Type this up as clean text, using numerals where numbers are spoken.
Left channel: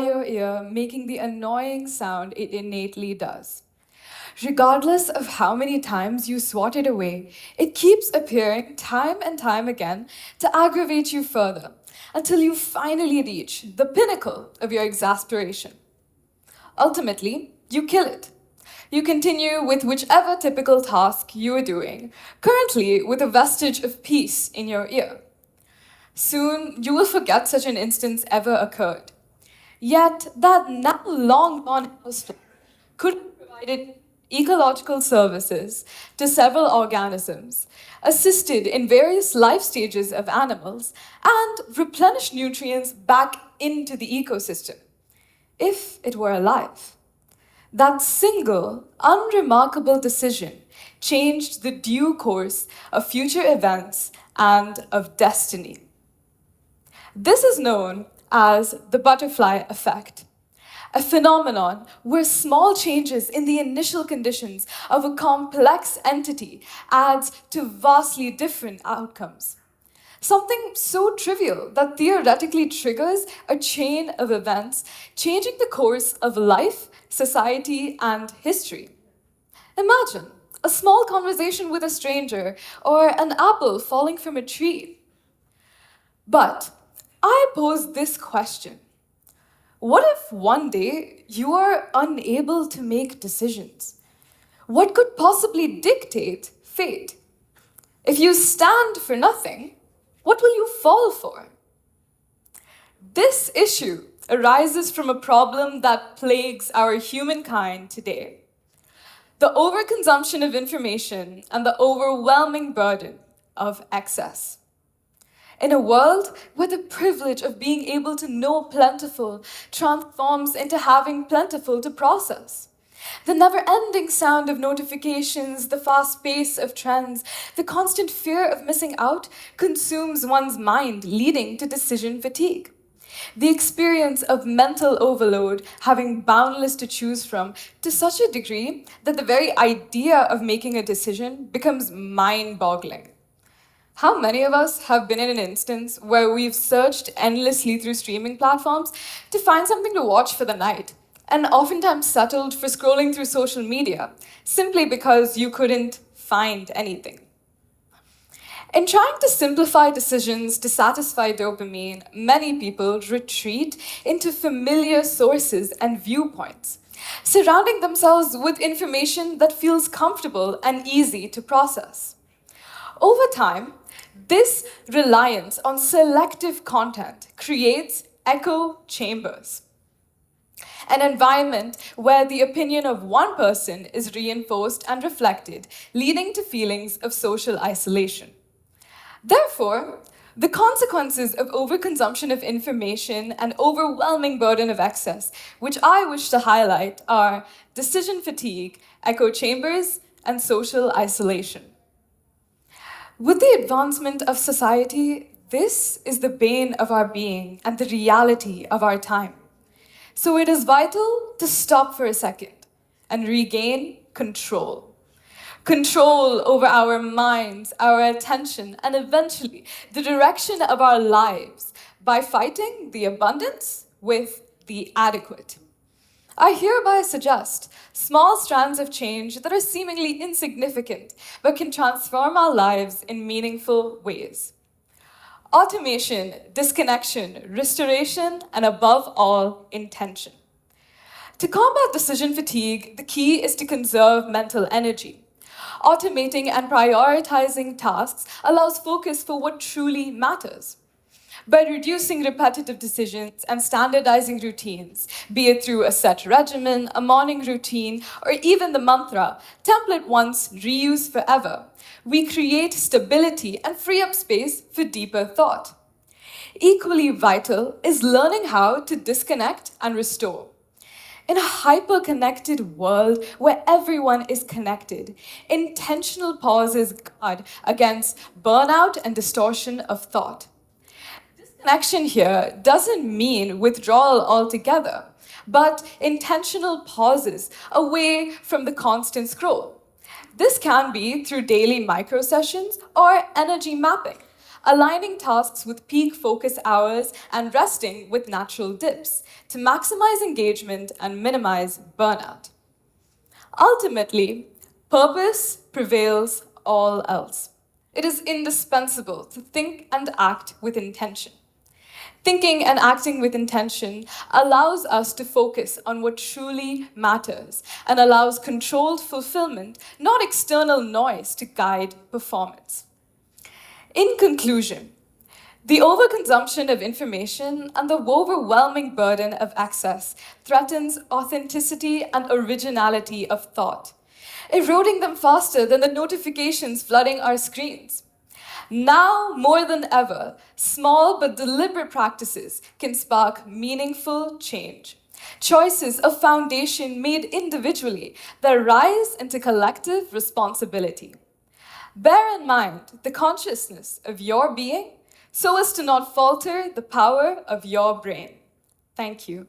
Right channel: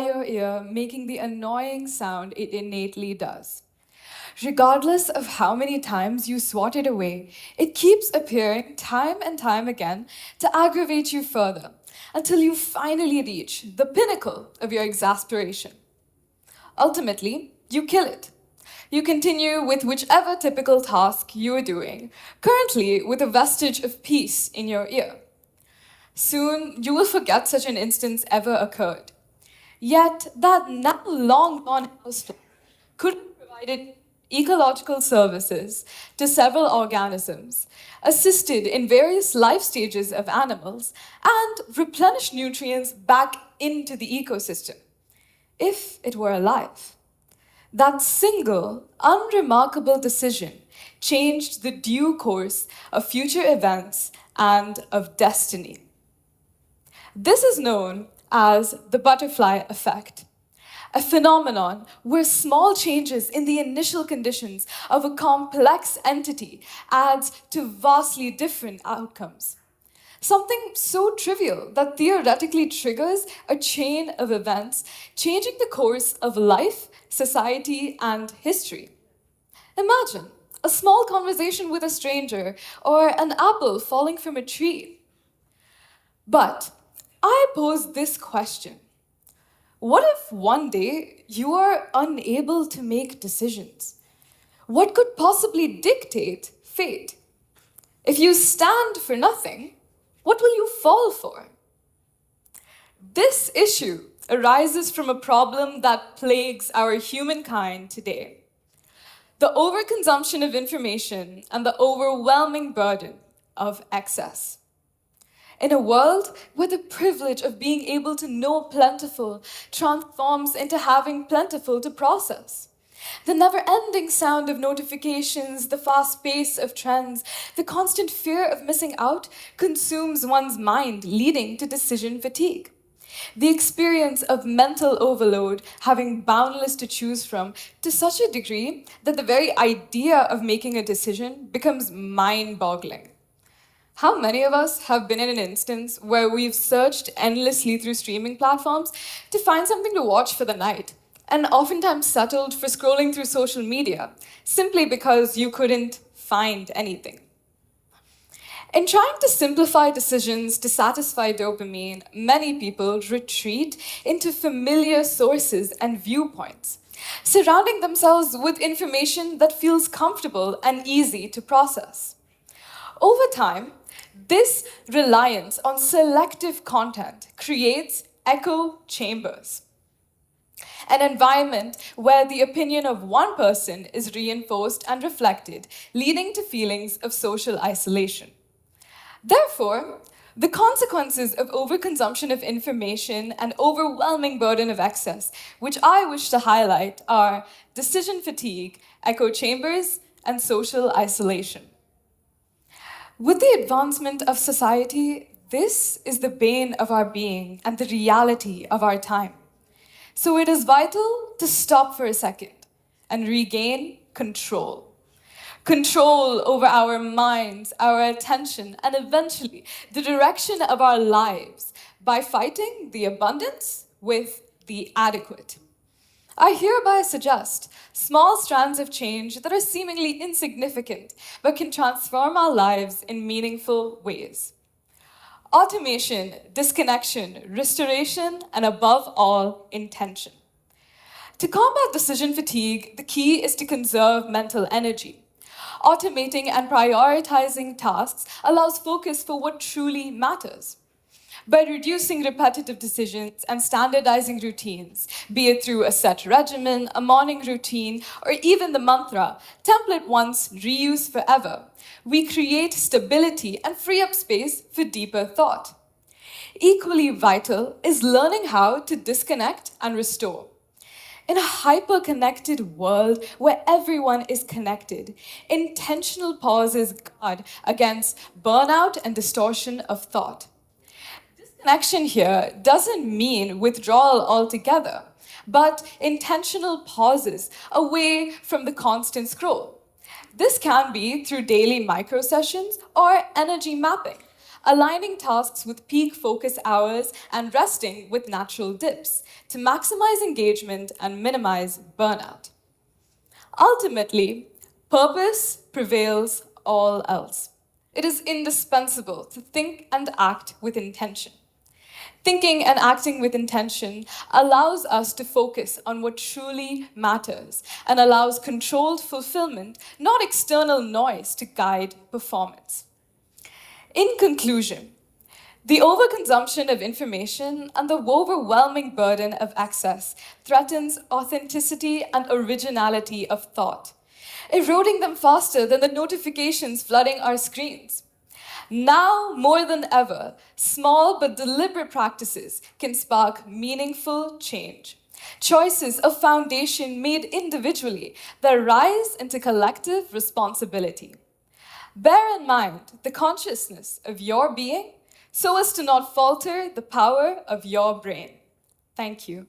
your ear, making the annoying sound it innately does. Regardless of how many times you swat it away, it keeps appearing time and time again to aggravate you further until you finally reach the pinnacle of your exasperation. Ultimately, you kill it. You continue with whichever typical task you are doing, currently with a vestige of peace in your ear. Soon, you will forget such an instance ever occurred. Yet, that now long gone household could have provided ecological services to several organisms, assisted in various life stages of animals, and replenished nutrients back into the ecosystem, if it were alive. That single, unremarkable decision changed the due course of future events and of destiny. This is known as the butterfly effect, a phenomenon where small changes in the initial conditions of a complex entity adds to vastly different outcomes. Something so trivial that theoretically triggers a chain of events, changing the course of life, society, and history. Imagine a small conversation with a stranger or an apple falling from a tree. But I pose this question. What if one day you are unable to make decisions? What could possibly dictate fate? If you stand for nothing, what will you fall for? This issue arises from a problem that plagues our humankind today: the overconsumption of information and the overwhelming burden of excess. In a world where the privilege of being able to know plentiful transforms into having plentiful to process. The never-ending sound of notifications, the fast pace of trends, the constant fear of missing out consumes one's mind, leading to decision fatigue. The experience of mental overload, having boundless to choose from, to such a degree that the very idea of making a decision becomes mind-boggling. How many of us have been in an instance where we've searched endlessly through streaming platforms to find something to watch for the night, and oftentimes settled for scrolling through social media, simply because you couldn't find anything? In trying to simplify decisions to satisfy dopamine, many people retreat into familiar sources and viewpoints, surrounding themselves with information that feels comfortable and easy to process. Over time, this reliance on selective content creates echo chambers, an environment where the opinion of one person is reinforced and reflected, leading to feelings of social isolation. Therefore, the consequences of overconsumption of information and overwhelming burden of excess, which I wish to highlight, are decision fatigue, echo chambers, and social isolation. With the advancement of society, this is the bane of our being and the reality of our time. So it is vital to stop for a second and regain control. Control over our minds, our attention, and eventually the direction of our lives by fighting the abundance with the adequate. I hereby suggest small strands of change that are seemingly insignificant but can transform our lives in meaningful ways. Automation, disconnection, restoration, and above all, intention. To combat decision fatigue, the key is to conserve mental energy. Automating and prioritizing tasks allows focus for what truly matters. By reducing repetitive decisions and standardizing routines, be it through a set regimen, a morning routine, or even the mantra, template once, reuse forever, we create stability and free up space for deeper thought. Equally vital is learning how to disconnect and restore. In a hyper-connected world where everyone is connected, intentional pauses guard against burnout and distortion of thought. Disconnection here doesn't mean withdrawal altogether, but intentional pauses away from the constant scroll. This can be through daily micro-sessions or energy mapping, aligning tasks with peak focus hours and resting with natural dips to maximize engagement and minimize burnout. Ultimately, purpose prevails all else. It is indispensable to think and act with intention. Thinking and acting with intention allows us to focus on what truly matters and allows controlled fulfillment, not external noise, to guide performance. In conclusion, the overconsumption of information and the overwhelming burden of access threatens authenticity and originality of thought, eroding them faster than the notifications flooding our screens. Now, more than ever, small but deliberate practices can spark meaningful change. Choices of foundation made individually that rise into collective responsibility. Bear in mind the consciousness of your being so as to not falter the power of your brain. Thank you.